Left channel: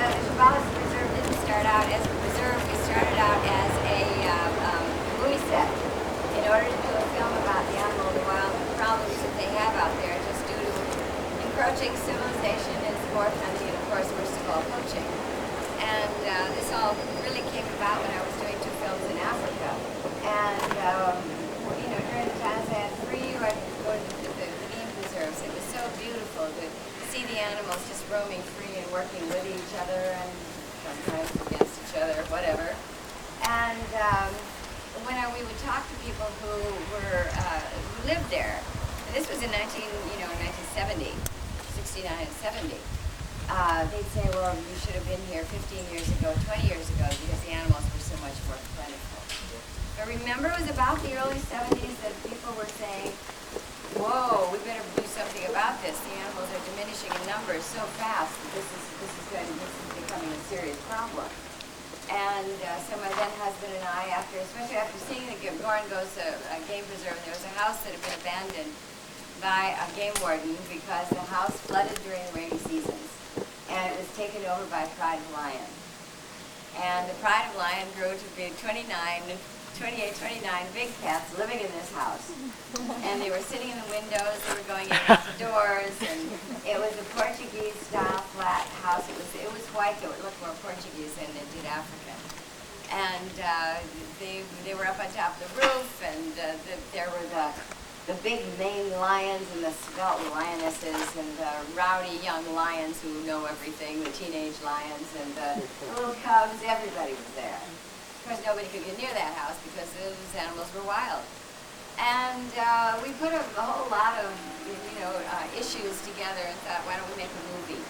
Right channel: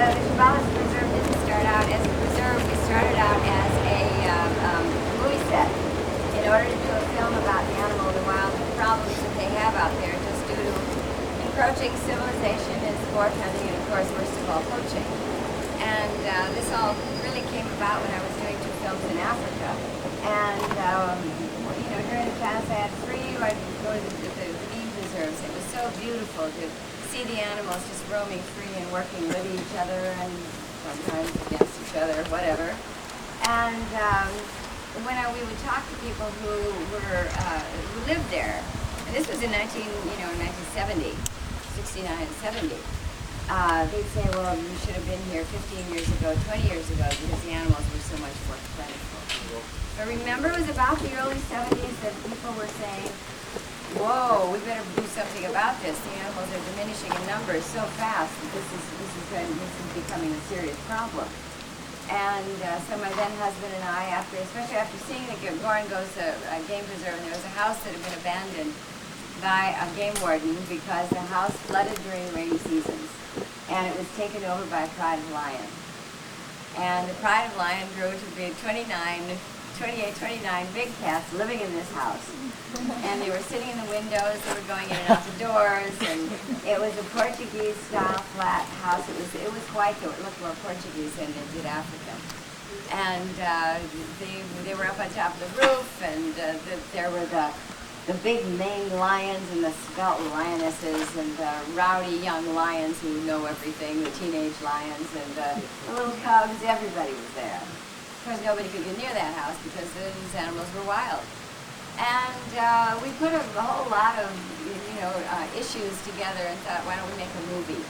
the Shambala Reserve didn't start out as a reserve. We started out as a movie set in order to do a film about the animal in the wild, the problems that they have out there just due to encroaching civilization and sport hunting and, of course, worst of all, poaching. And this all really came about when I was doing 2 films in Africa. And, during the times I had free, I'd go to the game preserves. It was so beautiful to see the animals just roaming free and working with each other and sometimes against each other, whatever. And when we would talk to people who lived there, and this was in 1970, 69 and 70, they'd say, well, you should have been here 15 years ago, 20 years ago, because the animals were so much more plentiful. But remember, it was about the early 70s that people were saying, whoa, we better do something about this. The animals are diminishing in numbers so fast that this is becoming a serious problem. And so my then husband and I, especially after seeing the Goringos game preserve, and there was a house that had been abandoned by a game warden because the house flooded during the rainy seasons, and it was taken over by a pride of lion. And the pride of lion grew to be 28, 29 big cats living in this house. And they were sitting in the windows, they were going in and out the doors, and it was a Portuguese-style flat house. It was white, though it looked more Portuguese than it did African. And they were up on top of the roof, and there were the big maned lions and the svelte lionesses and the rowdy young lions who know everything, the teenage lions, and the little cubs. Everybody was there. Of course, nobody could get near that house because those animals were wild. And we put a whole lot of, issues together and thought, why don't we make a movie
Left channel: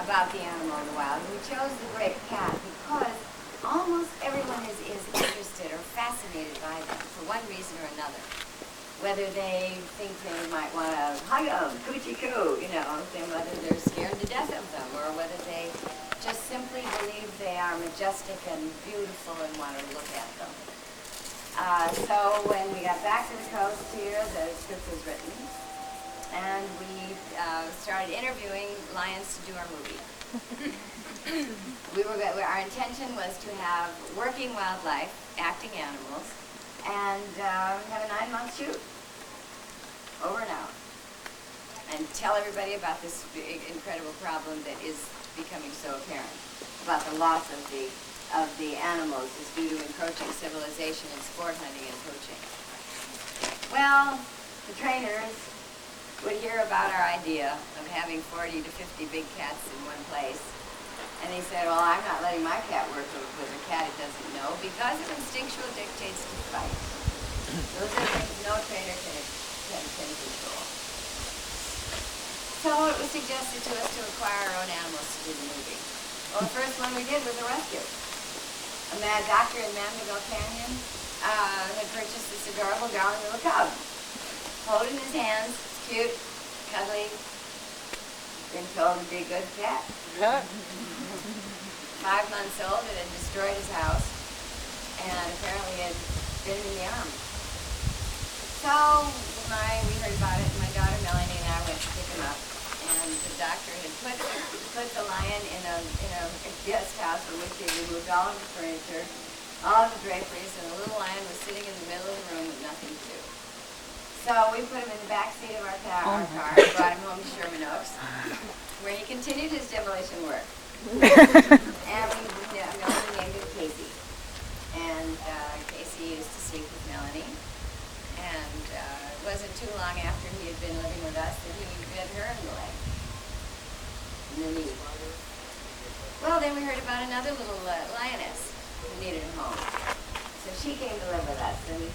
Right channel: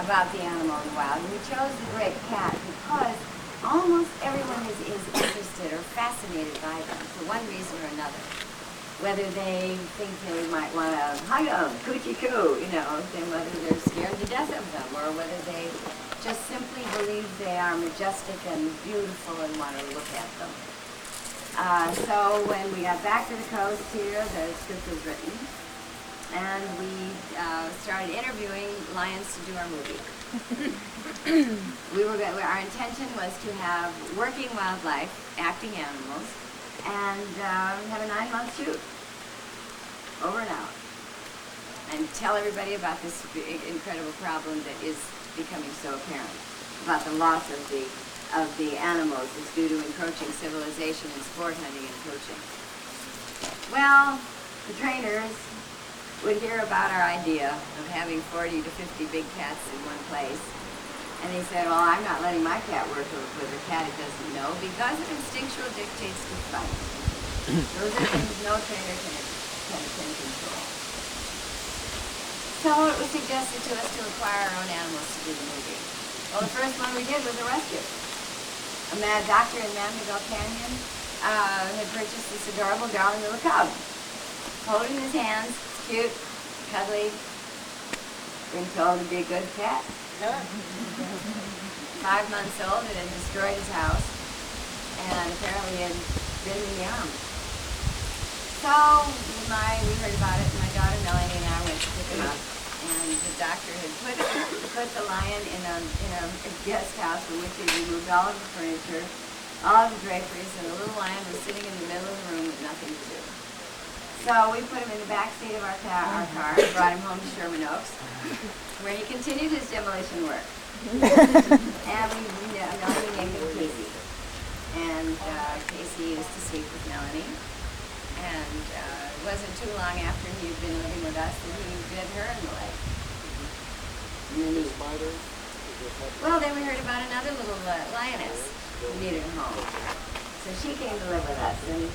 about the animal in the wild? And we chose the great cat because almost everyone is interested or fascinated by them for one reason or another. Whether they think they might want to hug them, coochie-coo, then whether they're scared to death of them, or whether they just simply believe they are majestic and beautiful and want to look at them. So when we got back to the coast here, the script was written, and we started interviewing lions to do our movie. Our intention was to have working wildlife, acting animals, and have a 9-month shoot, over and out, and tell everybody about this big, incredible problem that is becoming so apparent, about the loss of the animals is due to encroaching civilization and sport hunting and poaching. Well, the trainers would hear about our idea of having 40 to 50 big cats in one place, and they said, well, I'm not letting my cat work with a cat it doesn't know because of instinctual dictates to fight. Those are things no trainer can control. So it was suggested to us to acquire our own animals to do the movie. Well, the first one we did was a rescue. A mad doctor in Mandeville Canyon had purchased this adorable, darling little cub. Holding his hands, it's cute, cuddly, been told to be a good cat. 5 months old, it had destroyed his house, and apparently had been in the army. So we heard about it, and my daughter Melanie and I went to pick him up. And the doctor had put the lion in a guest house from which he removed all of the furniture, all of the draperies, and the little lion was sitting in the middle of the room with nothing to do. So we put him in the back seat of our car, brought him home to Sherman Oaks, where he continued his demolition work. And we named him Casey. And Casey used to sleep with Melanie. And it wasn't too long after he had been living with us that he bit her in the leg. In the knee. Well, then we heard about another little lioness who needed a home. So she came to live with us, and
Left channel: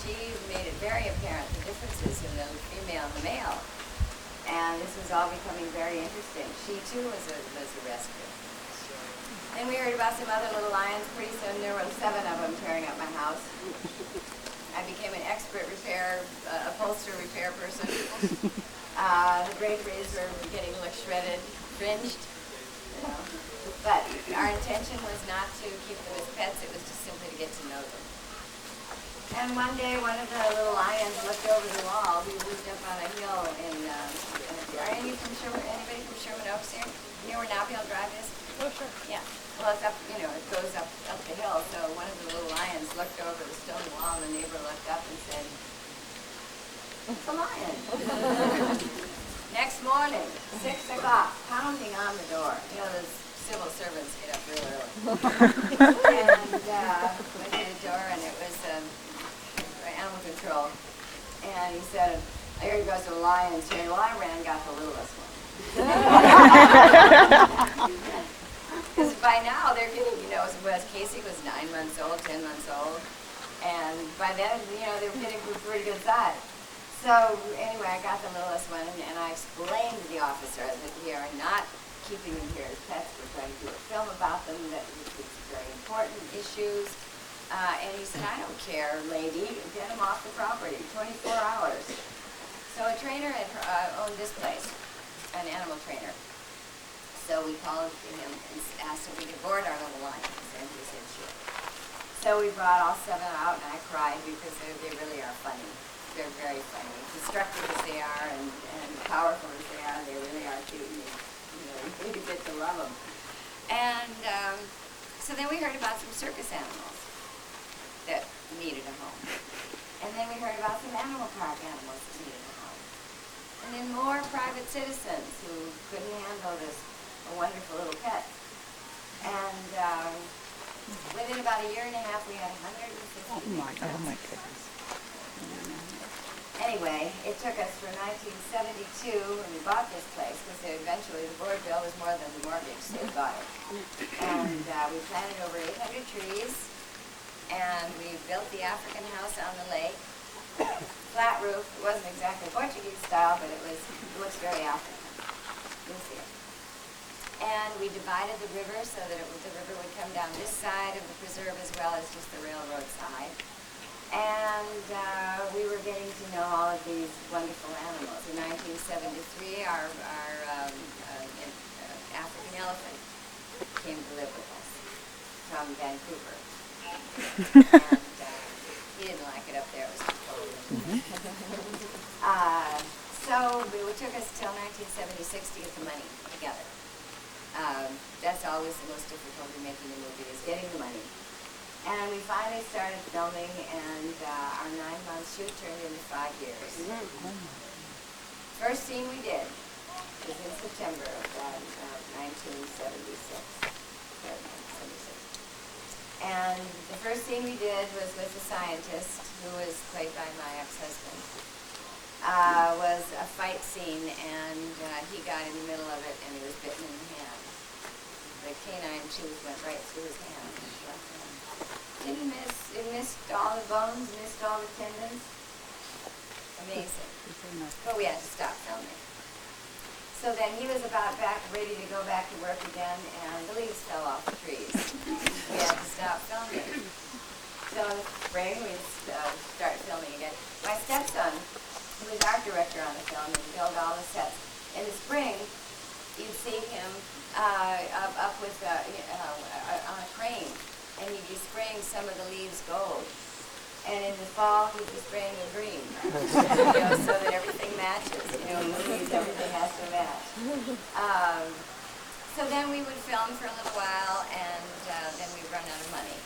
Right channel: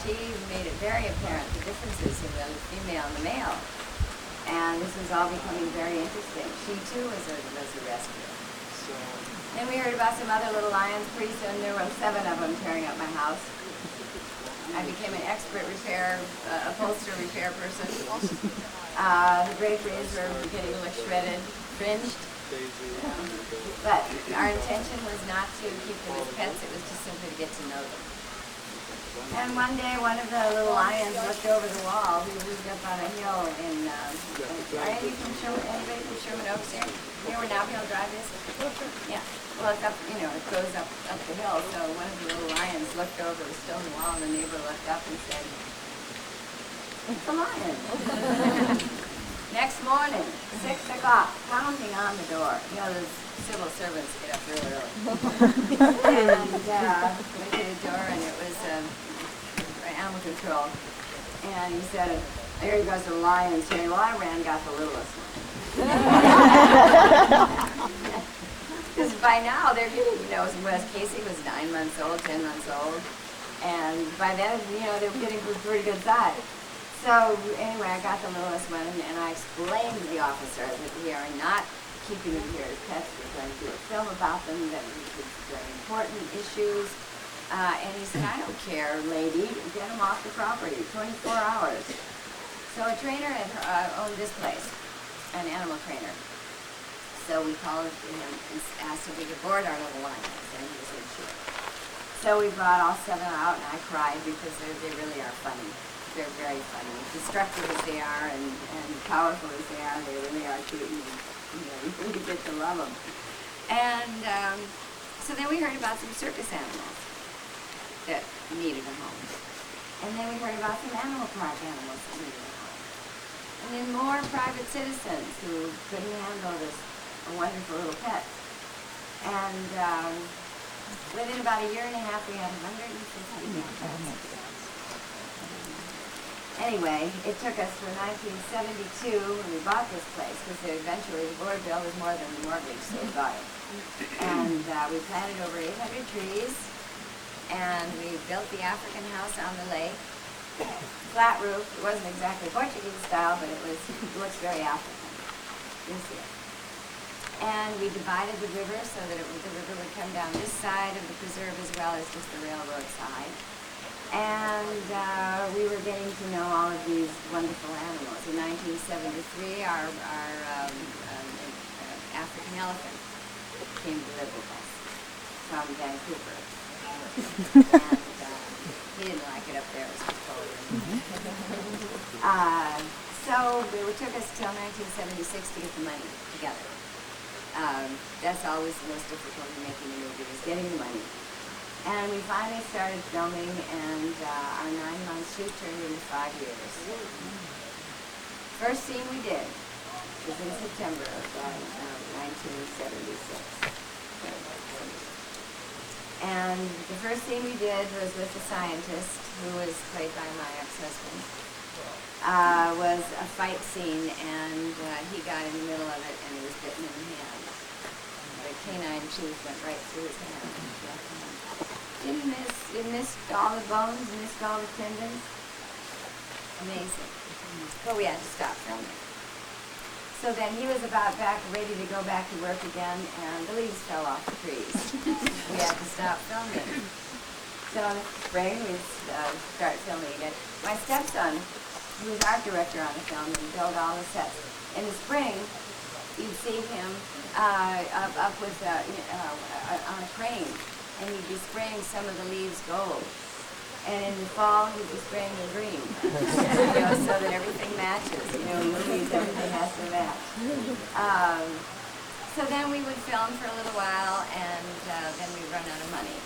she made it very apparent the differences in the female and the male. And this was all becoming very interesting. She too was a rescue. Then we heard about some other little lions. Pretty soon there were 7 of them tearing up my house. I became an expert upholsterer repair person. The draperies were getting shredded, fringed. But our intention was not to keep them as pets, it was just simply to get to know them. And one day, one of the little lions looked over the wall. We lived up on a hill in, are anybody from Sherman Oaks here? You know where Nobby Drive is? Yeah. Well, it's up, it goes up the hill. So one of the little lions looked over the stone wall, and the neighbor looked up and said, "It's a lion." Next morning, 6 o'clock, pounding on the door. Those civil servants get up real early. And went to the door, and it was animal control. And he said, "Here he goes to the lions here." Well, I ran and got the littlest one. Because by now they're getting, Casey was 9 months old, 10 months old. And by then, they were getting pretty good size. So anyway, I got the littlest one, and I explained to the officer that we are not keeping them here as pets. We're going to do a film about them, that it's very important issues. And he said, "I don't care, lady, get them off the property, 24 hours. So a trainer had owned this place, an animal trainer. So we called him and asked if we could board our little lions, and he said, "Sure." So we brought all 7 out, and I cried because they really are funny. They're very funny. Destructive as they are and powerful as they really are cute. And, you really get to love them. And so then we heard about some circus animals that needed a home. And then we heard about some animal park animals that needed a home. And then more private citizens who couldn't handle this wonderful little pet. And within about a year and a half, we had 150 pets. Anyway, it took us from 1972 when we bought this place, because eventually the board bill was more than the mortgage, so we bought it. And we planted over 800 trees, and we built the African house on the lake. Flat roof. It wasn't exactly Portuguese style, but it looks very African. You see it. And we divided the river so that the river would come down this side of the preserve as well as just the railroad side. And we were getting to know all of these wonderful animals. In 1973, our African elephant came to live with us from Vancouver. And he didn't like it up there. It was too cold. So it took us till 1976 to get the money together. That's always the most difficult in making a movie, is getting the money. And we finally started filming, and our 9-month shoot turned into 5 years. First scene we did was in September of 1976. And the first scene we did was with the scientist, who was played by my ex-husband. Was a fight scene, and he got in the middle of it, and he was bitten in the hand. The canine tooth went right through his hand. Didn't miss. It missed all the bones, missed all the tendons. Amazing. But we had to stop filming. So then he was about ready to go back to work again, and the leaves fell off the trees. We had to stop filming. So in the spring, we start filming again. My stepson, who was art director on the film, and built all the sets. In the spring, you'd see him up with on a crane. And he'd be spraying some of the leaves gold. And in the fall, he'd be spraying them green. So that everything matches. Movies, everything has to match. So then we would film for a little while, and then we'd run out of money.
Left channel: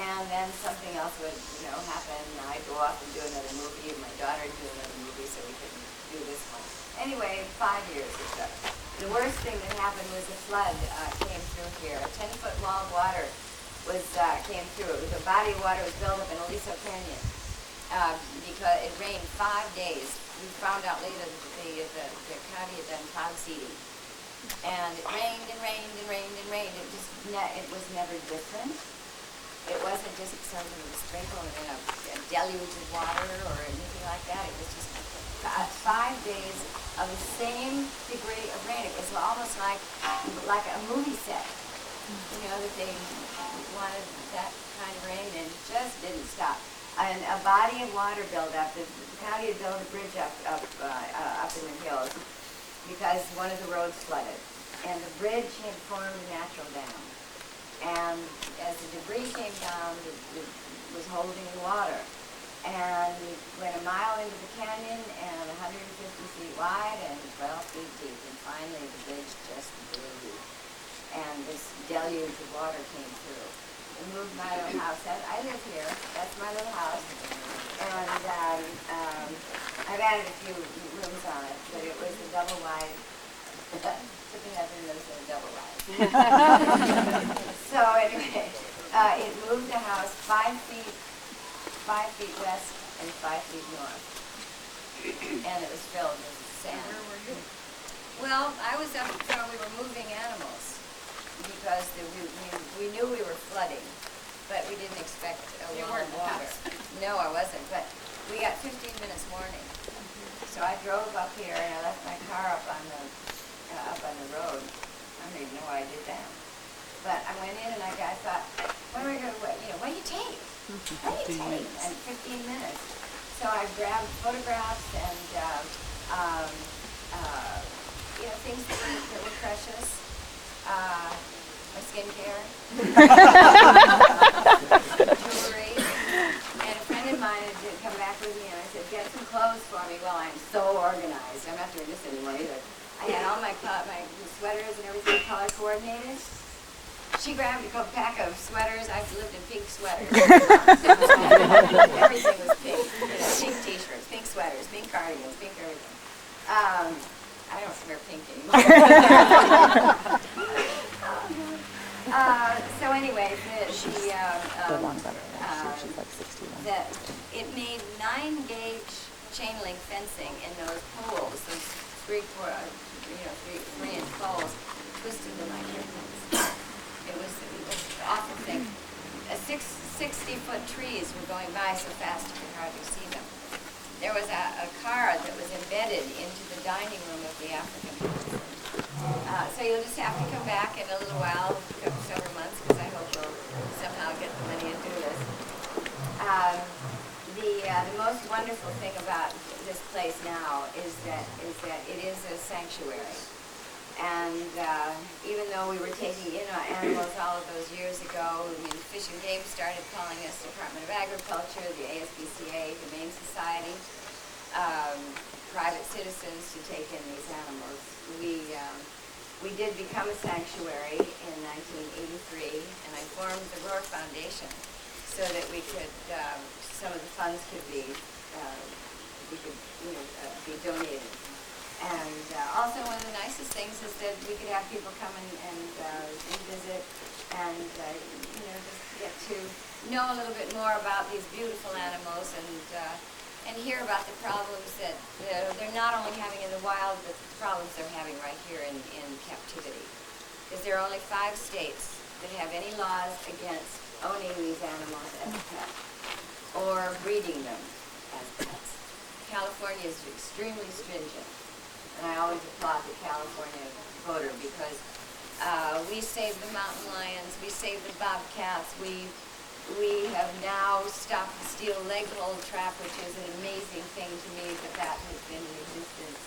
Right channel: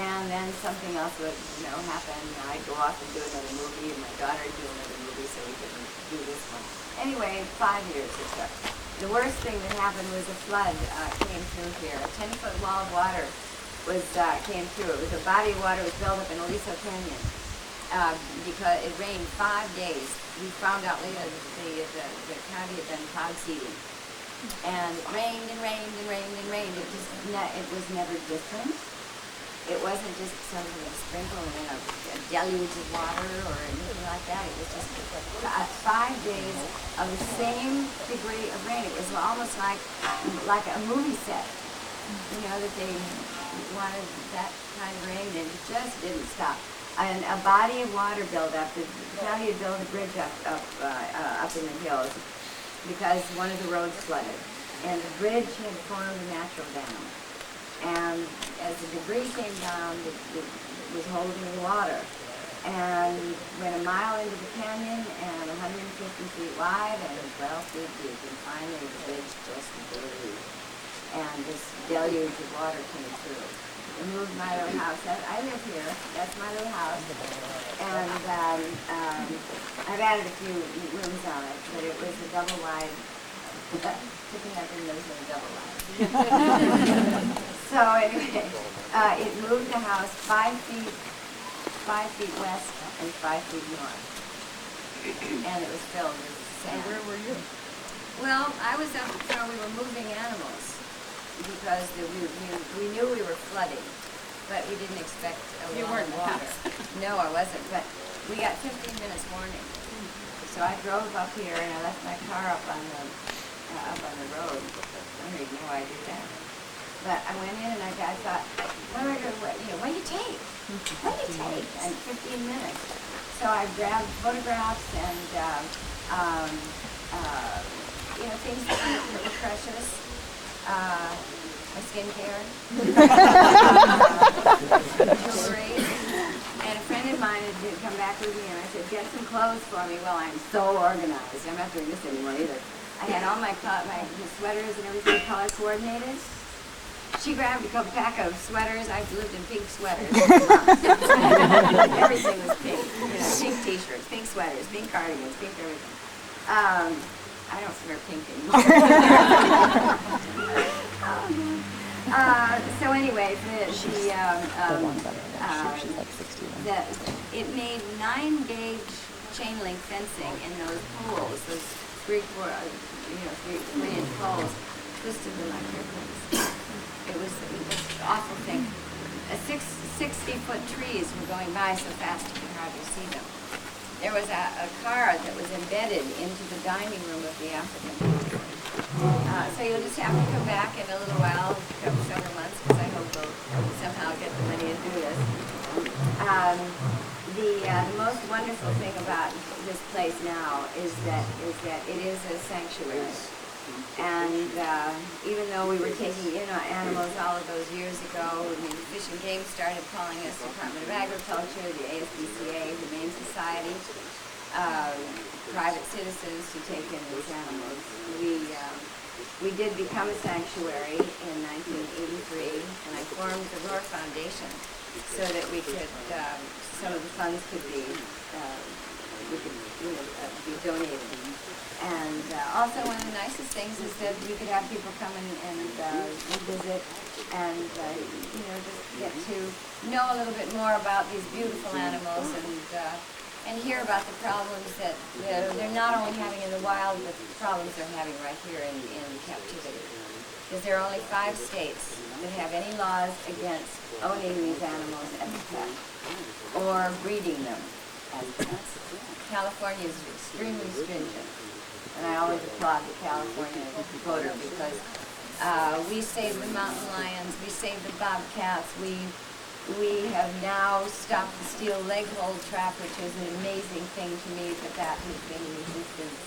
And then something else would, happen. I'd go off and do another movie, and my daughter would do another movie, so we couldn't do this one. Anyway, 5 years it took. The worst thing that happened was a flood came through here. A 10-foot wall of water came through. It was a body of water was built up in Aliso Canyon because it rained 5 days. We found out later that the county had done cloud seeding. And it rained and rained and rained and rained. It was never different. It wasn't just something of a sprinkle and then a deluge of water or anything like that. It was just 5 days of the same degree of rain. It was almost like a movie set. That they wanted that kind of rain, and it just didn't stop. And a body of water built up. The county had built a bridge up in the hills because one of the roads flooded, and the bridge had formed a natural dam. And as the debris came down, the was holding water. And went a mile into the canyon and 150 feet wide and 12 feet deep. And finally the bridge just blew. And this deluge of water came through. I moved my little house. I live here. That's my little house. And I've added a few rooms on it, but it was a double wide. Tippi Hedren lives in a double wide. So anyway, it moved the house 5 feet west and 5 feet north. And it was filled with sand. Where were you? Well, I was up where we were moving animals because we knew we were flooding, but we didn't expect a lot of water. No, I wasn't, but we got 15 minutes warning. So I drove up here and I left my car up on the road. I don't even know why I did that. But I went in and I thought, what am I going to, what do you take? What do you take? And 15 minutes. So I grabbed photographs and, things that were precious. My skincare. Jewelry. And a friend of mine had come back with me and I said, get some clothes for me. Well, I'm so organized. I'm not doing this anymore either. I had all my sweaters and everything color coordinated. She grabbed a pack of sweaters. I've lived in pink sweaters. Everything was pink. Pink t-shirts, pink sweaters, pink cardigans, pink everything. I don't wear pink anymore. So anyway, it made 9-gauge chain link fencing in those poles, those 3-inch poles, twisted them like hairpins. It was an awful thing. 60-foot trees were going by so fast you could hardly see them. There was a car that was embedded into the dining room of the African booth. So you'll just have to come back in a little while, several months, because I hope we'll somehow get the money and do this. The most wonderful thing about this place now is that it is a sanctuary. And even though we were taking in animals all of those years ago, the Fish and Game started calling us Department of Agriculture, the ASPCA, Humane Society, private citizens to take in these animals. We did become a sanctuary in 1983, and I formed the Roar Foundation so that we could, some of the funds could be, be donated. And also one of the nicest things is that we could have people come and visit and, just get to know a little bit more about these beautiful animals and hear about the problems that they're not only having in the wild, but the problems they're having right here in captivity. Because there are only 5 states that have any laws against owning these animals as a pet or breeding them as pets. California is extremely stringent. And I always applaud the California voter because we saved the mountain lions, we saved the bobcats, we have now stopped the steel leg hold trap, which is an amazing thing to me that has been in existence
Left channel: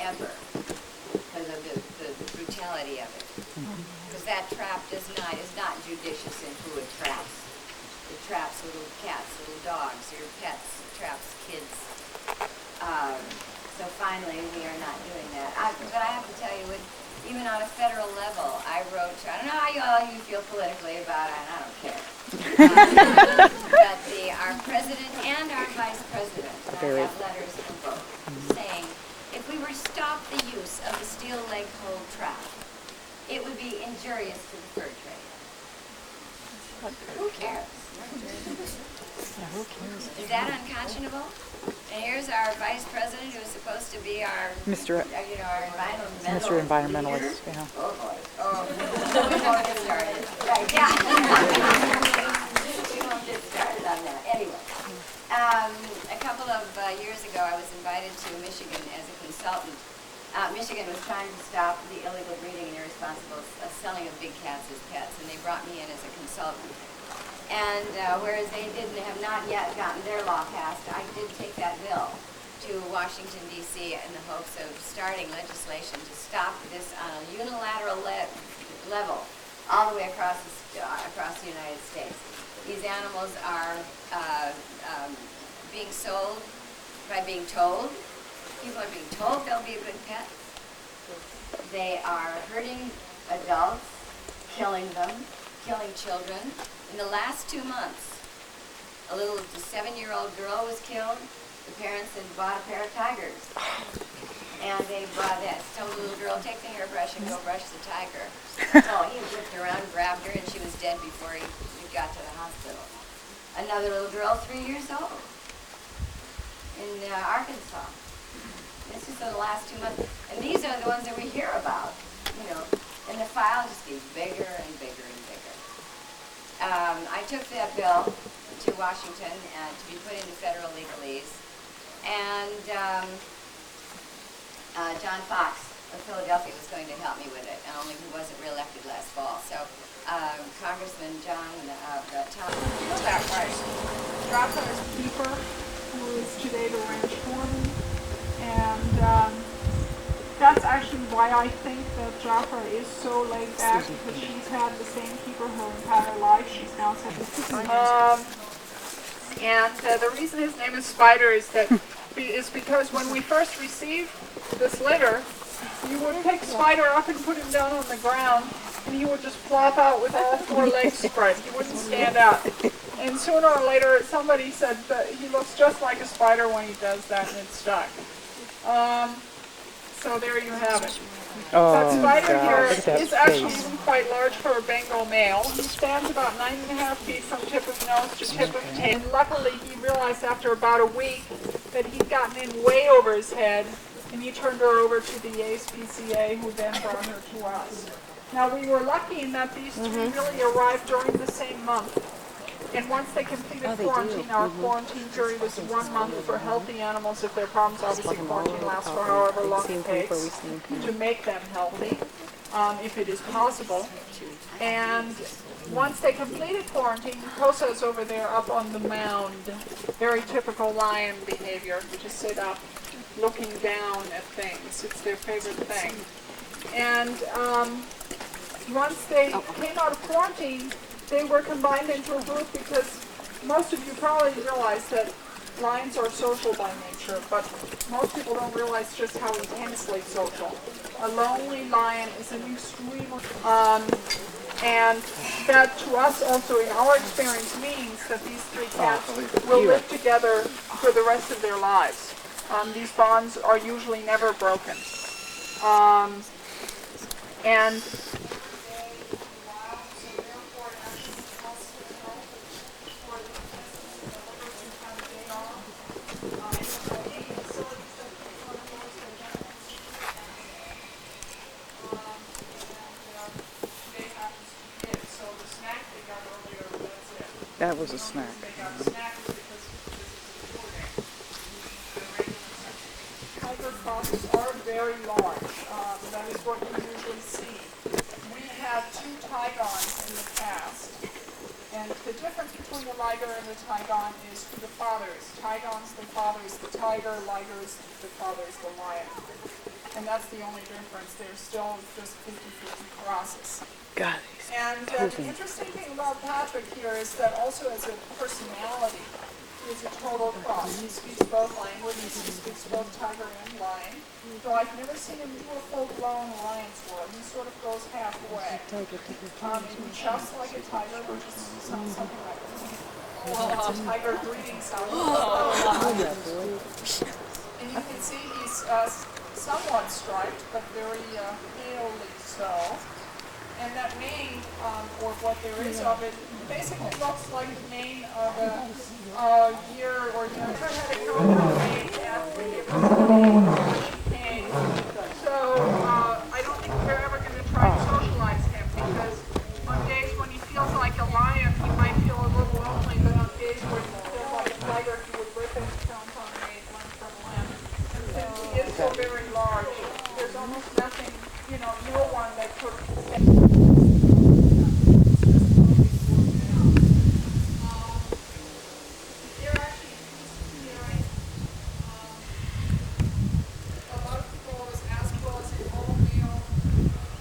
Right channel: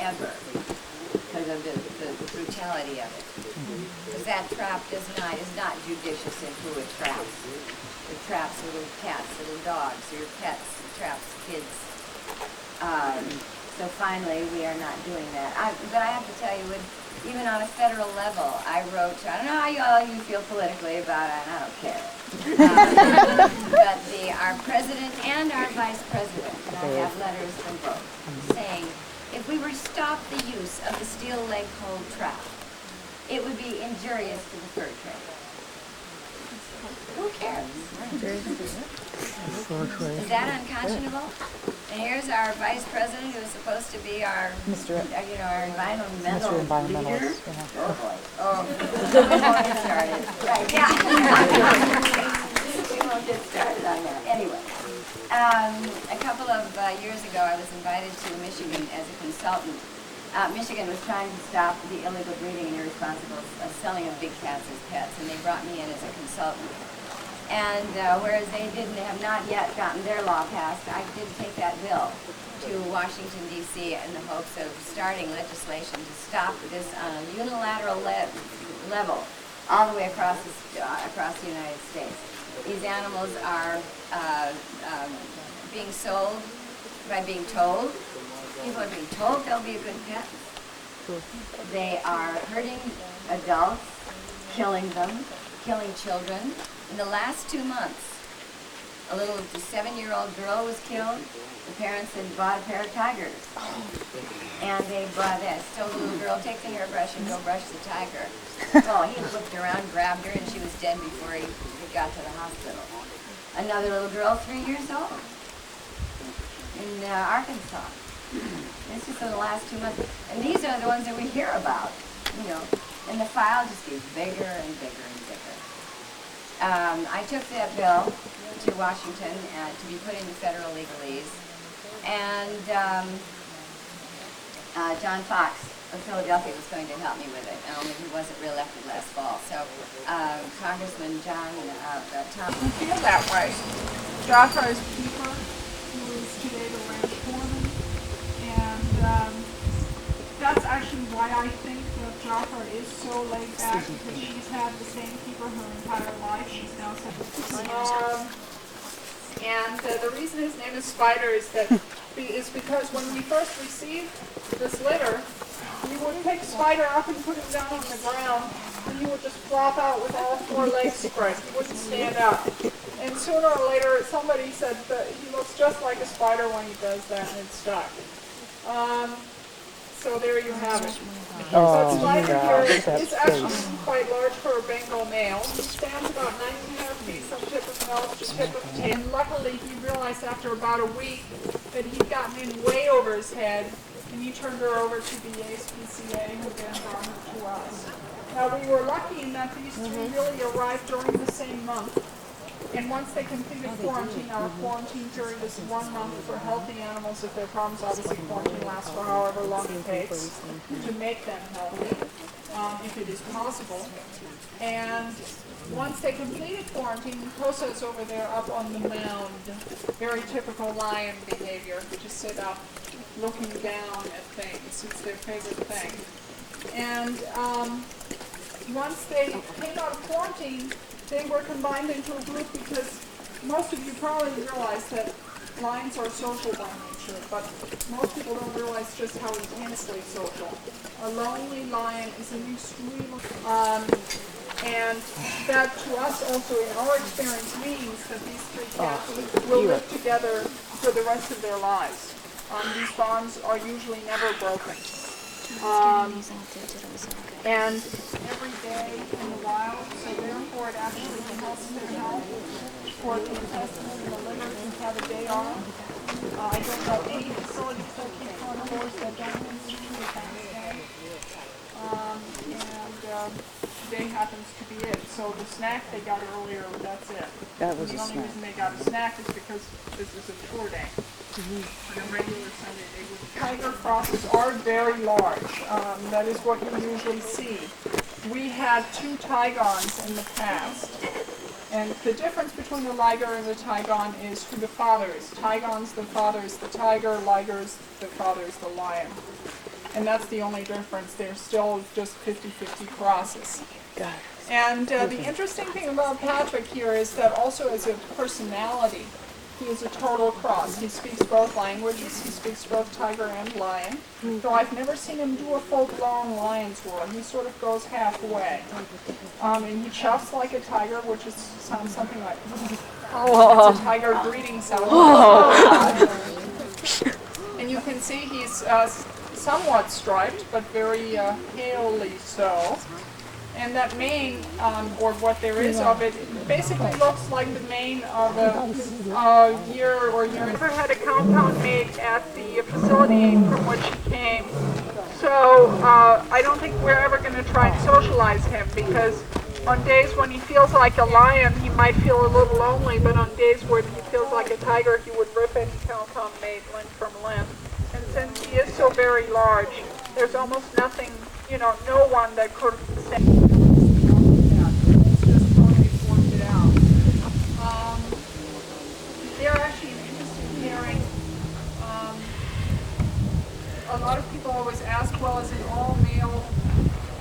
ever because of the brutality of it. Because that trap is not judicious in who it traps. It traps little cats, little dogs, your pets, it traps kids. So finally, we are not doing that. But I have to tell you, even on a federal level, I wrote, I don't know how you feel politically about it, and I don't care. But our president and our vice president, and I have letters from both, saying, if we were to stop the use of the steel leg hold trap, it would be injurious to the fur trade. Who cares? Is that unconscionable? And here's our vice president, who is supposed to be our, our environmental leader. Yeah. Oh boy! Oh, we won't get started. Right? Yeah. We won't get started on that. Anyway, a couple of years ago, I was invited to Michigan as a consultant. Michigan was trying to stop the illegal breeding and irresponsible selling of big cats as pets, and they brought me in as a consultant. And whereas they have not yet gotten their law passed, I did take that bill to Washington, D.C. in the hopes of starting legislation to stop this on a unilateral level all the way across the United States. these animals are being sold by being told. People are being told they'll be a good pet. They are hurting adults, killing them, killing children. In the last 2 months, a little 7-year-old girl was killed. The parents had bought a pair of tigers. And they brought that. Told the little girl, take the hairbrush and go brush the tiger. Oh, he whipped around, grabbed her, and she was dead before he got to the hospital. Another little girl, 3 years old, in Arkansas. This is in the last 2 months. And these are the ones that we hear about, you know. And the file just gets bigger and bigger and bigger. I took that bill to Washington to be put into federal legalese. And John Fox of Philadelphia was going to help me with it, only he wasn't reelected last fall. So Congressman Tom. I feel that way. Jaffar's keeper, who is today the ranch foreman, and that's actually why I think that Jaffa is so laid back, because she's had the same keeper her entire life. She's now 76. And the reason his name is Spider is because when we first received this litter, you would pick Spider up and put him down on the ground, and he would just flop out with all 4 legs spread. He wouldn't stand up. And sooner or later, somebody said that he looks just like a spider when he does that, and it stuck. So there you have it. That spider here is actually quite large for a Bengal male. He stands about 9.5 feet from tip of nose to tip of tail. And luckily, he realized after about a week that he'd gotten in way over his head, and he turned her over to the ASPCA, who then brought her to us. Now, we were lucky in that these 3 really arrived during the same month. And once they completed quarantine, our quarantine period is 1 month for healthy animals. If there are problems, obviously quarantine lasts for however long it takes to make them healthy, if it is possible. And once they completed quarantine, Kosa's over there up on the mound. Very typical lion behavior, which is sit up, looking down at things. It's their favorite thing. And once they came out of quarantine, they were combined into a group, because most of you probably realize that lions are social by nature, but most people don't realize just how intensely social. A lonely lion is an extremely, and that to us also in our experience means that these 3 cats will live together for the rest of their lives. These bonds are usually never broken. And every day in the wild, so therefore it actually helps them help for the intestines and the liver to have a day off. I don't know any facilities that keep carnivores that don't use the same day. And today happens to be it. So the snack they got earlier, that's it. That was a snack. The only reason they got a snack is because this is a tour day. And a regular Sunday day. Tiger crosses are very large. That is what you usually see. We had 2 Tigons in the past, and the difference between the liger and the Tigon is who the father is. Tigon's the father is the tiger, liger's the father is the lion. And that's the only difference. They're still just 50-50 crosses. God. And the interesting thing about Patrick here is that also as a personality, he is a total cross. He speaks both languages. He speaks both tiger and lion. Though I've never seen him do a full-blown lion's roar. He sort of goes halfway. And he chuffs like a tiger, which sounds something like it's a tiger greeting sound. And you can see he's somewhat striped, but very palely so. And that mane, or what there is of it, basically looks like the mane of a year or year. I never had a compound made at the facility from which he came. So I don't think we're ever going to try to socialize him, because on days when he feels like a lion, he might feel a little lonely, but on days when he feels like a tiger, he would rip into compound made limb from limb. And since he is so very large, there's almost nothing, no one that could stand. They're actually an interesting pairing. A lot of people always ask, well, is an all-male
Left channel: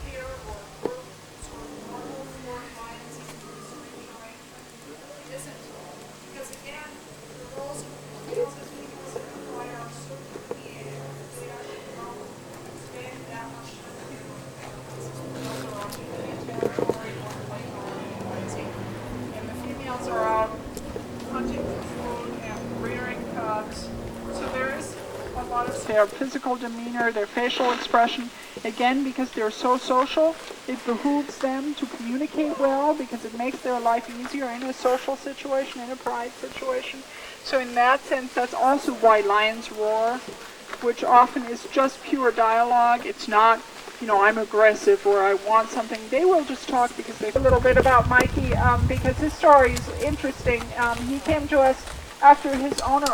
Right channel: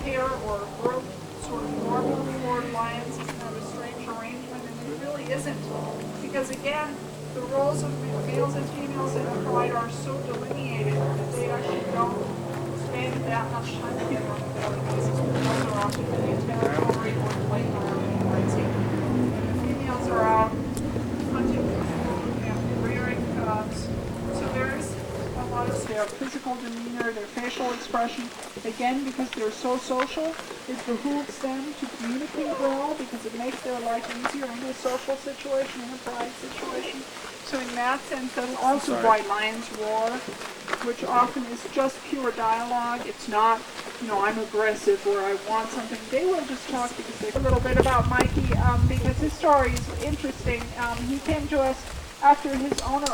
pair or group sort of normal for lions? It's kind of a strange arrangement, and it really really isn't. Because again, the roles of males and females in a pride are so delineated that they actually don't spend that much time together on a daily basis. The males are off doing a territory or playing or hunting, and the females are out hunting for food and rearing cubs. So there is a lot of their physical demeanor, their facial expression. Again, because they're so social, it behooves them to communicate well because it makes their life easier in a social situation, in a pride situation. So in that sense, that's also why lions roar, which often is just pure dialogue. It's not, you know, I'm aggressive or I want something. They will just talk because they... A little bit about Mikey, because his story is interesting. He came to us after his owner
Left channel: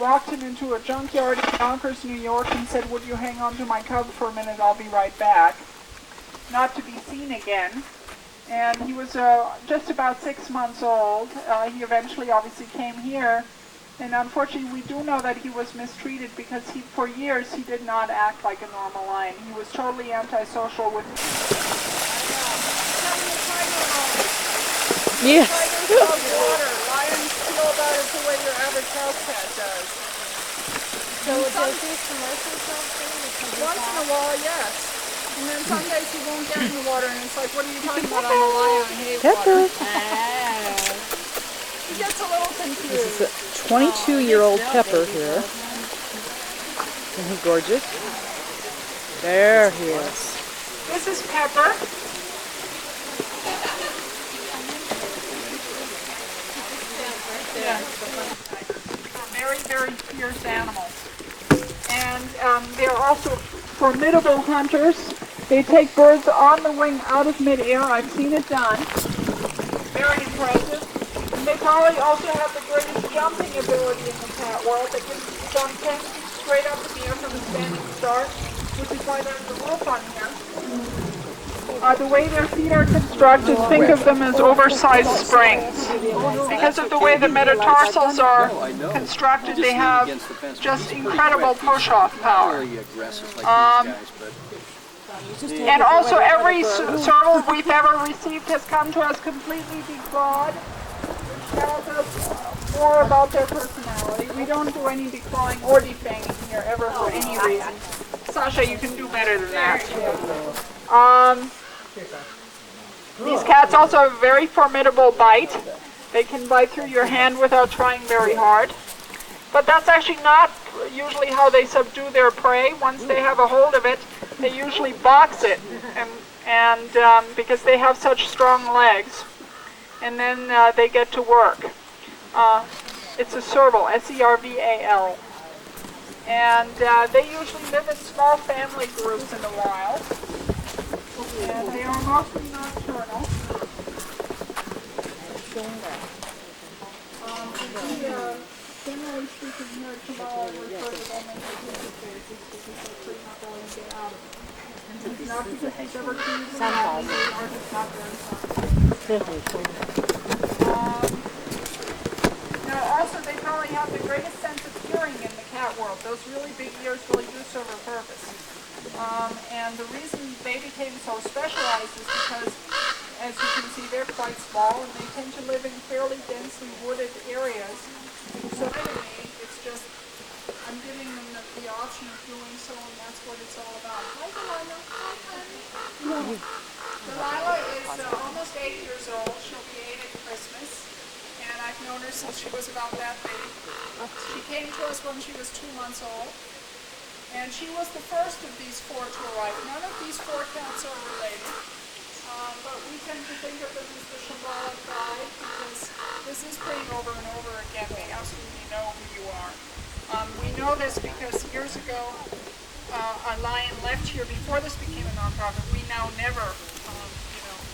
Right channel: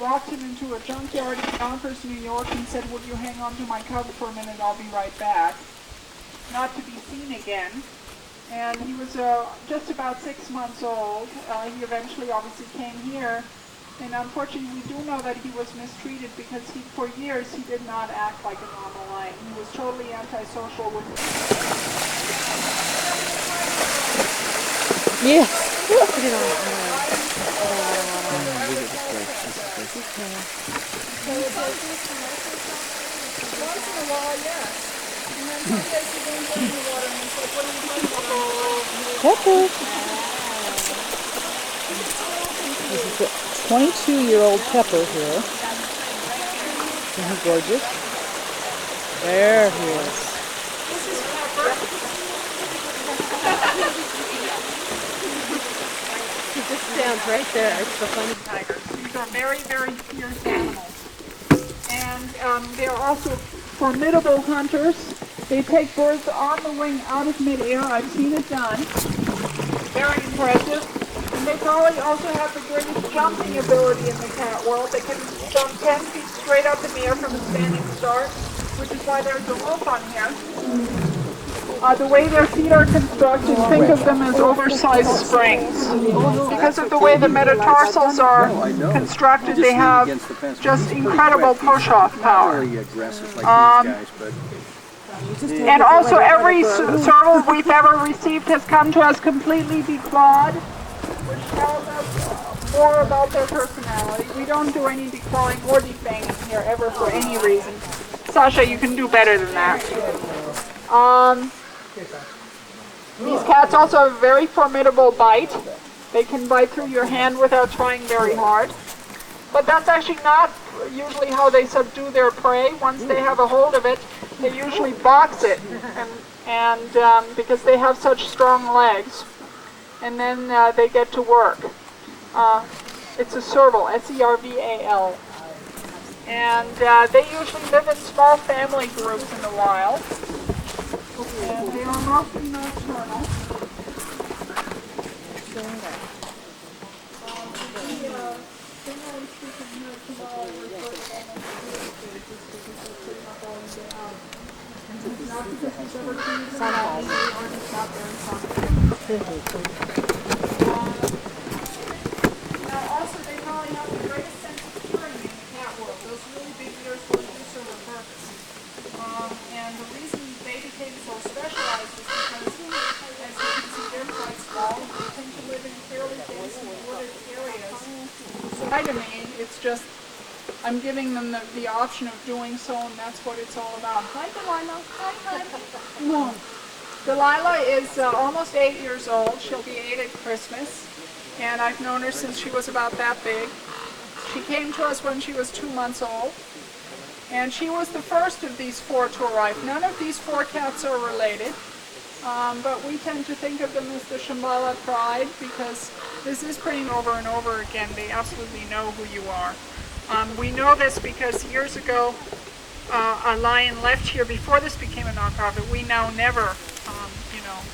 walked him into a junkyard in Yonkers, New York, and said, would you hang on to my cub for a minute, I'll be right back. Not to be seen again. And he was just about 6 months old. He eventually obviously came here. And unfortunately, we do know that he was mistreated because for years he did not act like a normal lion. He was totally antisocial with... Yes. So does this commercial something? Once in a while, yes. And then some days he won't get any water and he's like, what are you talking about? I'm a lion. Pepper. He gets a little confused. This is a 22-year-old Pepper here. Isn't he gorgeous? There he is. This is Pepper. He just stands right there. It's so funny. Tigers. These are very, very fierce animals. And they're also formidable hunters. They take birds on the wing out of midair. I've seen it done. Very impressive. And they probably also have the greatest jumping ability in the cat world. They can jump 10 feet straight up in the air from a standing start, which is why there's a rope on here. The way their feet are constructed, think of them as oversized springs. Because of the way the metatarsals are constructed, they have just incredible push-off power. And also every serval we've ever received has come to us completely declawed, which tells us more about their personality. We don't do any declawing or defanging here ever for any reason. Sasha, you can do better than that. These cats also have a very formidable bite. They can bite through your hand without trying very hard. But that's actually not usually how they subdue their prey. Once they have a hold of it, they usually box it, and because they have such strong legs. And then they get to work. It's a serval, S-E-R-V-A-L. And they usually live in small family groups in the wild. And they are mostly nocturnal. Generally speaking, here tomorrow we refer to them as the sleepy faces because they're pretty much all in the out. It's not because we've ever seen them out, they're just not very spontaneous. Now also they probably have the greatest sense of hearing in the cat world. Those really big ears really do serve a purpose. And the reason they became so specialized is because, as you can see, they're quite small and they tend to live in fairly densely wooded areas. So to me, it's just, I'm giving them the option of doing so, and that's what it's all about. Hi, Delilah. Hi, honey. Delilah is almost 8 years old. She'll be 8 at Christmas, and I've known her since she was about that big. She came to us when she was 2 months old. And she was the first of these 4 to arrive. None of these 4 cats are related, but we tend to think of them as the Shambala pride because this is playing over and over again. They absolutely know who you are. We know this because years ago a lion left here before this became a nonprofit. We now never,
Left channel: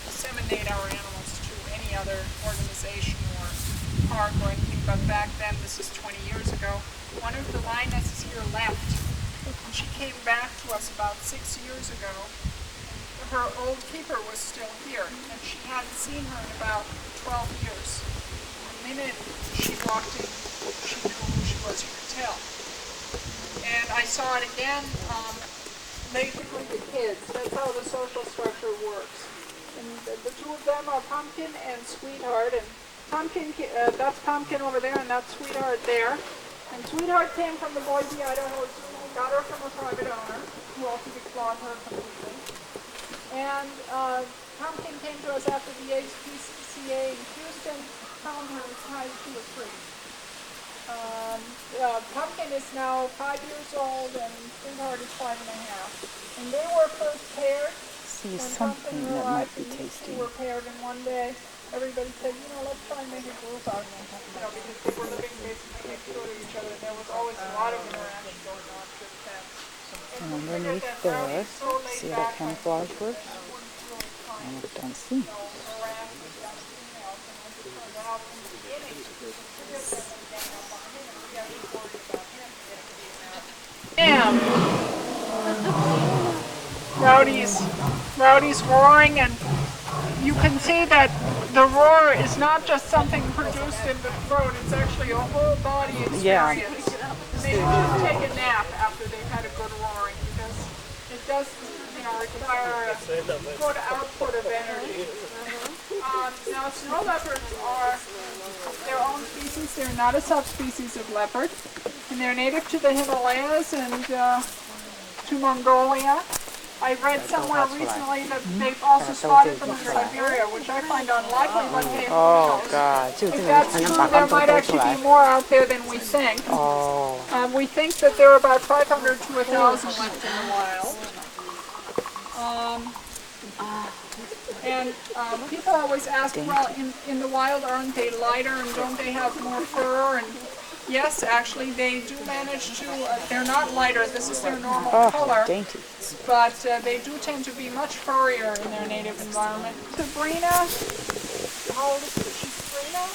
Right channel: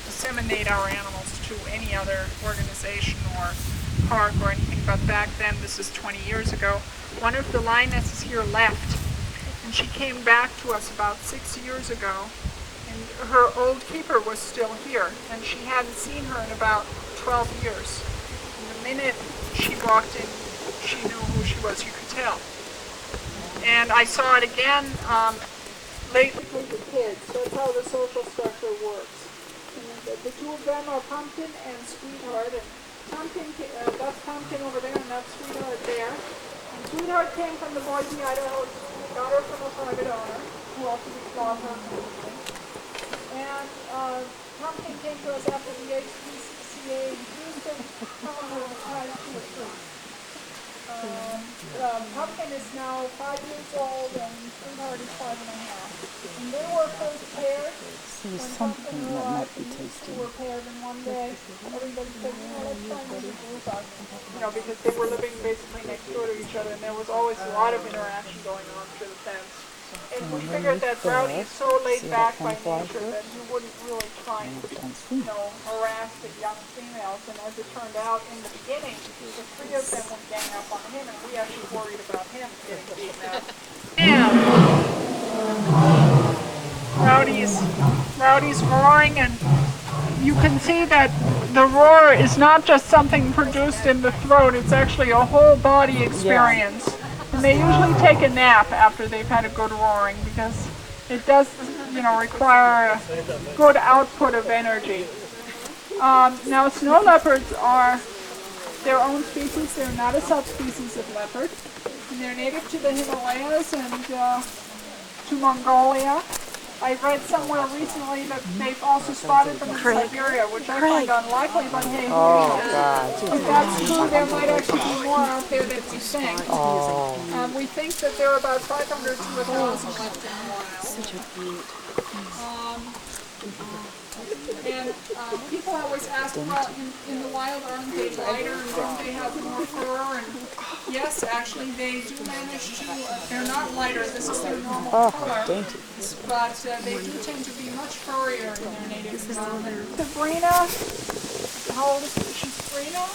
disseminate our animals to any other organization or park or anything, but back then, this is 20 years ago, one of the lionesses here left. And she came back to us about 6 years ago, and her old keeper was still here, and she hadn't seen her in about 12 years. And the minute she walked in, she knew who she was, you could tell. And I saw it again basically the kids. That's how the social structure works. And the 2 of them are Pumpkin and Sweetheart, and That's Pumpkin over there, and that's Sweetheart there. And Sweetheart came from the Boise, Idaho school, got her from a private owner, who also declawed her completely. And Pumpkin came to us after the HPCA in Houston, telling her the size she was free. Pumpkin is now 5 years old, and Sweetheart is 5 and a half. And they were first paired. See something that might be tasty. They were paired in one day. Everybody said, let's try and make a group out. Because they were living basically next door to each other, and there was always a lot of interaction going on through the fence. And we figured that Rowdy is so laid back by nature that he wouldn't really try and harass the young females. And as it turned out, in the beginning, the three of them would gang up on him, and we actually worried about him getting beaten up. Rowdy's roaring, and you can see that the roar is not just something produced in the throat, it's actually a whole body experience. And they usually take a nap after they've had a good roaring, because it does, require a good output of energy. Now, snow leopards are their own species. They're not a subspecies of leopard, and they're native to the Himalayas and to Mongolia. I read somewhere recently that they've also spotted them in Siberia, which I find unlikely, but hey, if that's true, there might actually be more out there than we think. We think that there are about 500 to 1,000 left in the wild. And people always ask, well, in the wild, aren't they lighter and don't they have more fur? And yes, actually, they do manage to, they're not lighter, this is their normal color, but they do tend to be much furrier in their native environment. Sabrina, how old is she? She's 3 now?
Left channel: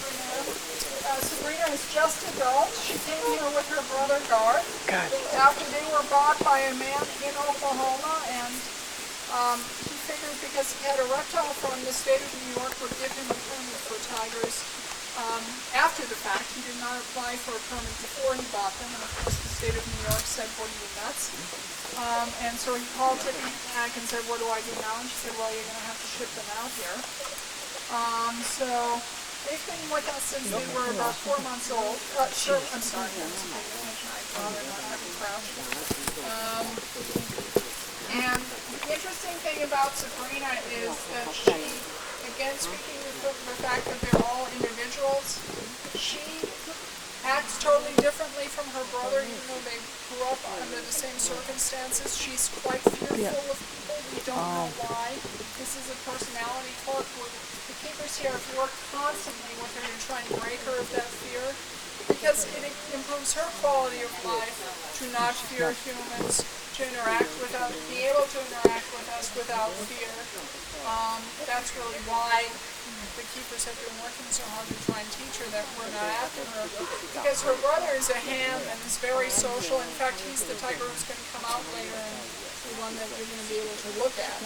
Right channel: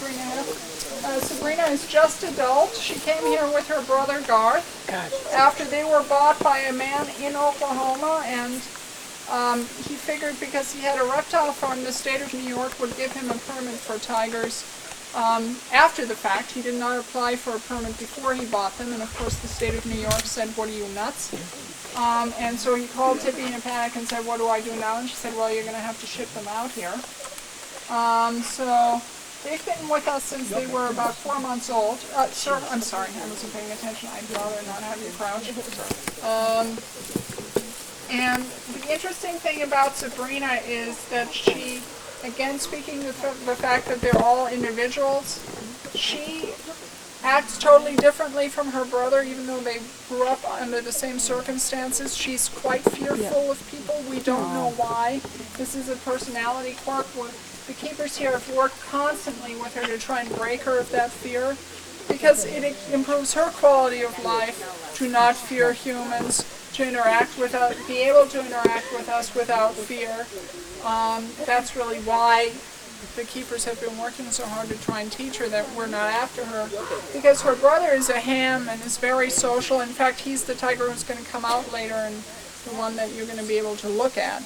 3.5. Sabrina is just adult. She came here with her brother Garth after they were bought by a man in Oklahoma, and he figured because he had a reptile farm, the state of New York would give him a permit for tigers. After the fact, he did not apply for a permit before he bought them, and of course the state of New York said, what are you, nuts? And so he called Tippi in a panic and said, what do I do now? And she said, well, you're going to have to ship them out here. So they've been with us since they were about 4 months old. Sir, I'm sorry, I wasn't paying attention. I'd rather not have you crouch. And the interesting thing about Sabrina is that she, again, speaking of the fact that they're all individuals, she acts totally differently from her brother, even though they grew up under the same circumstances. She's quite fearful of people. We don't know why. This is a personality quirk. The keepers here have worked constantly with her to try and break her of that fear, because it improves her quality of life to not fear humans, to interact with us, be able to interact with us without fear. That's really why the keepers have been working so hard to try and teach her that we're not after her, because her brother is a ham and is very social. In fact, he's the tiger who's going to come out later and the one that you're going to be able to look at.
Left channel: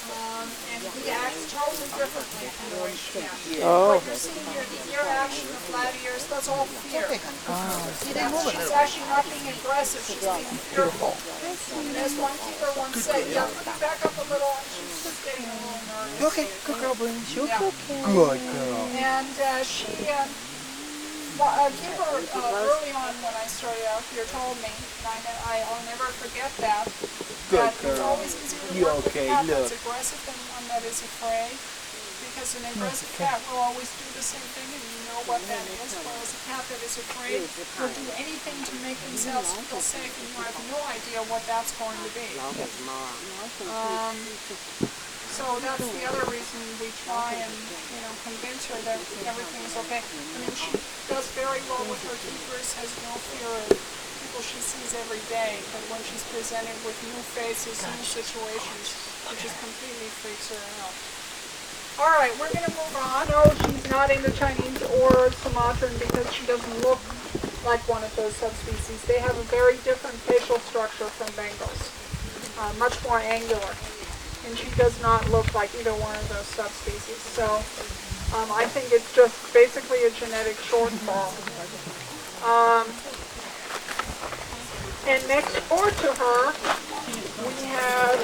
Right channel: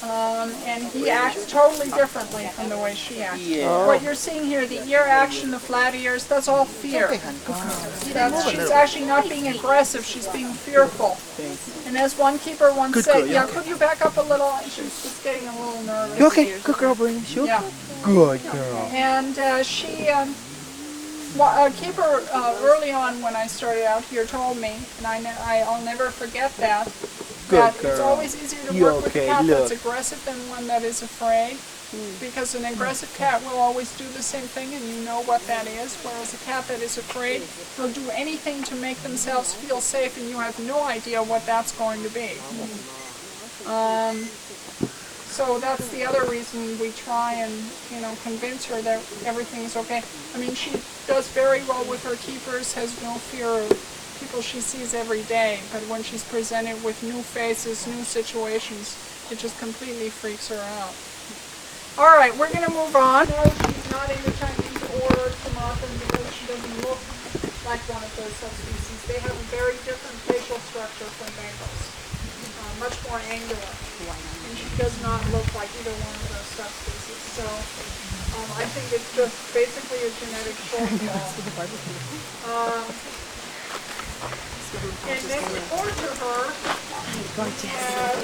And he acts totally differently from the way she acts. What you're seeing here, the ear action, the flat ears, that's all fear. She's actually not being aggressive, she's being fearful. And as one keeper once said, could you back up a little? She's just getting a little nervous. Okay, good girl, Brandon. Good girl. And a keeper early on when I started out here told me, and I'll never forget that, it's always easier to work with a cat that's aggressive than one that is afraid, because an aggressive cat will always do the same thing and you know what that is, whereas a cat that is afraid will do anything to make themselves feel safe and you have no idea what that's going to be. So that's the other reason we try and convince her that everything is okay. I mean, she does very well with her keepers, has no fear of people she sees every day, but when she's presented with new faces, new situations, it just completely freaks her out. All right, we're going to move on. No, she's not into Chinese or Sumatran because she doesn't look like one of those subspecies. They have a very different facial structure from Bengals, much more angular, and she does not look like either one of those subspecies. So I think it's just basically a genetic shortfall. And next door to her, we have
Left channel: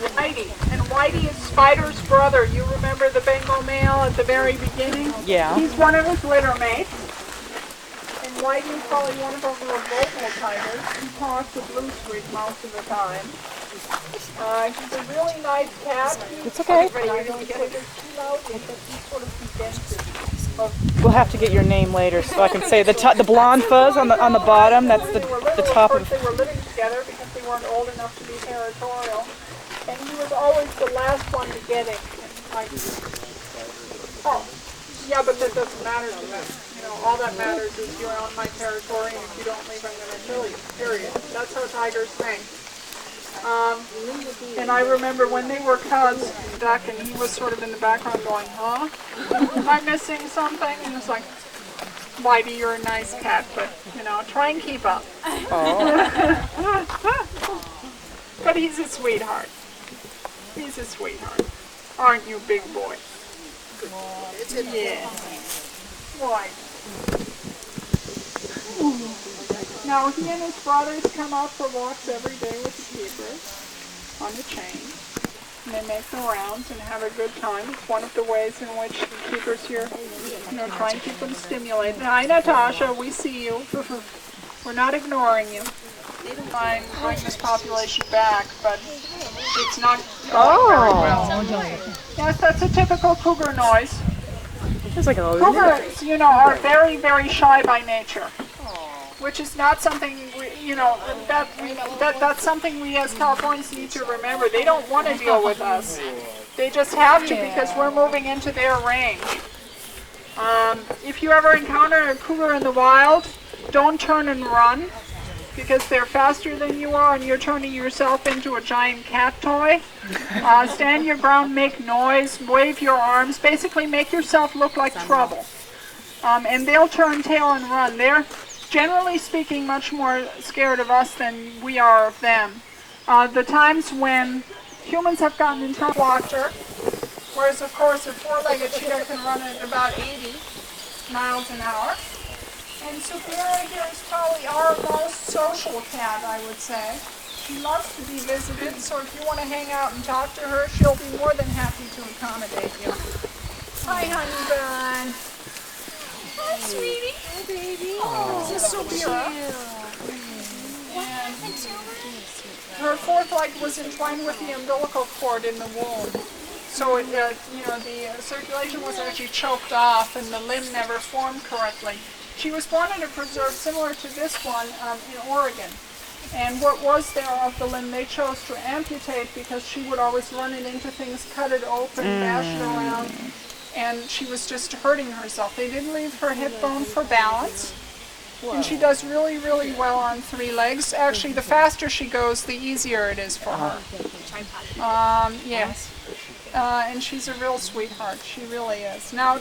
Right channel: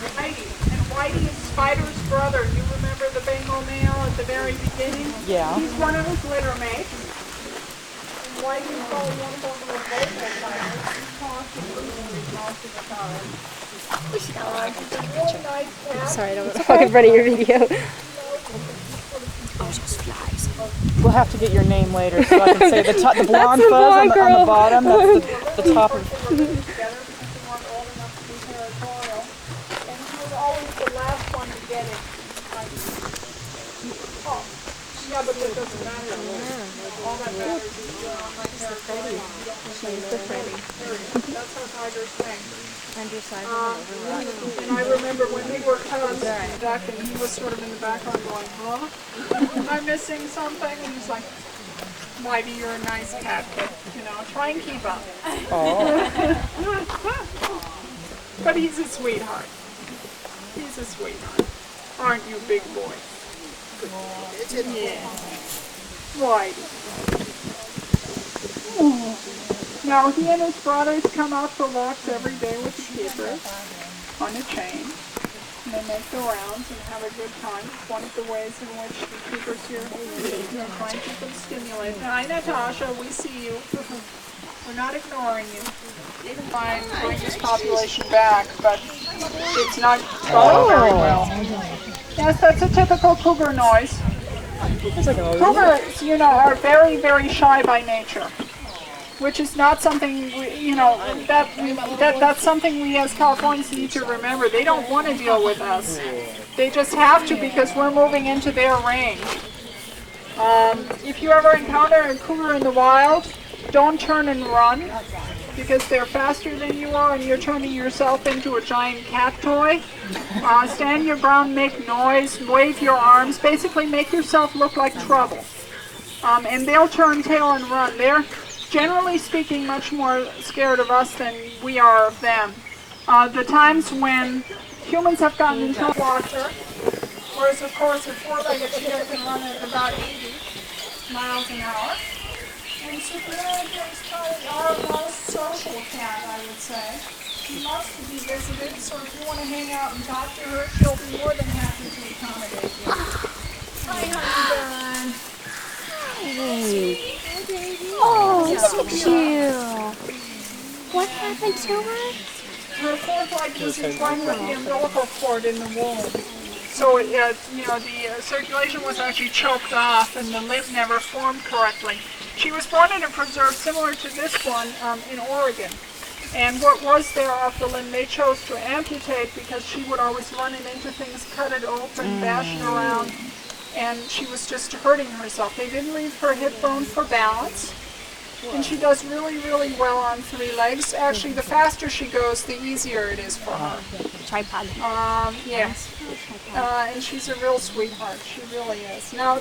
Whitey. And Whitey is Spider's brother. You remember the Bengal male at the very beginning? Yeah. He's one of his litter mates. And Whitey is probably one of those little vocal tigers. He talks to Blue Street most of the time. He's a really nice cat. Sorry, I don't look like ready your video. We'll have to get your name later so I can say the blonde fuzz on the bottom. That's the top of. They were living together because they weren't old enough to be territorial, and he was always the last one to get it. Like, oh, yeah, but that doesn't matter to me. You know, all that matters is you're on my territory and you don't make any silly. Period. That's how tigers think. And I remember when they were cubs, Duck, and he was sort of in the background going, huh? Am I missing something? And it's like, Whitey, you're a nice cat, but, you know, try and keep up. But he's a sweetheart. He's a sweetheart. Aren't you, big boy? Yeah. Whitey. Now, he and his brothers come out for walks every day with the keepers on a chain. And they make the rounds and have a good time. It's one of the ways in which the keepers here, try and keep them stimulated. Hi, Natasha, we see you. We're not ignoring you. Even by bringing this population back, but it's not going very well. Yes, that's a typical cougar noise. Cougars, are very, very shy by nature. Which is not something, that's something we as Californians need to remember. They don't want to deal with us. They just have to because we're moving into their range. If you ever encounter a cougar in the wild, don't turn and run because they're faster than you are and you're turning yourself into a giant cat toy. Stand your ground, make noise, wave your arms, basically make yourself look like trouble. And they'll turn tail and run. They're generally speaking, much more scared of us than we are of them. The times when humans have gotten into trouble, watcher, whereas of course a four-legged cheetah can run at about 80 miles an hour. And Superior here is probably our most social cat, I would say. She loves to be visited, so if you want to hang out and talk to her, she'll be more than happy to accommodate you. Hi, honey bun. Hi, sweetie. Hi, baby. Oh, so cute. What happened to her? Her fourth leg was entwined with the umbilical cord in the womb. So, the circulation was actually choked off and the limb never formed correctly. She was born in a preserve similar to this one in Oregon. And what was there of the limb they chose to amputate because she would always run it into things, cut it open, bash it around. And she was just hurting herself. They didn't leave her hip bone for balance. And she does really, really well on 3 legs. Actually, the faster she goes, the easier it is for her. Tripod. Yes. And she's a real sweetheart. She really is. Now,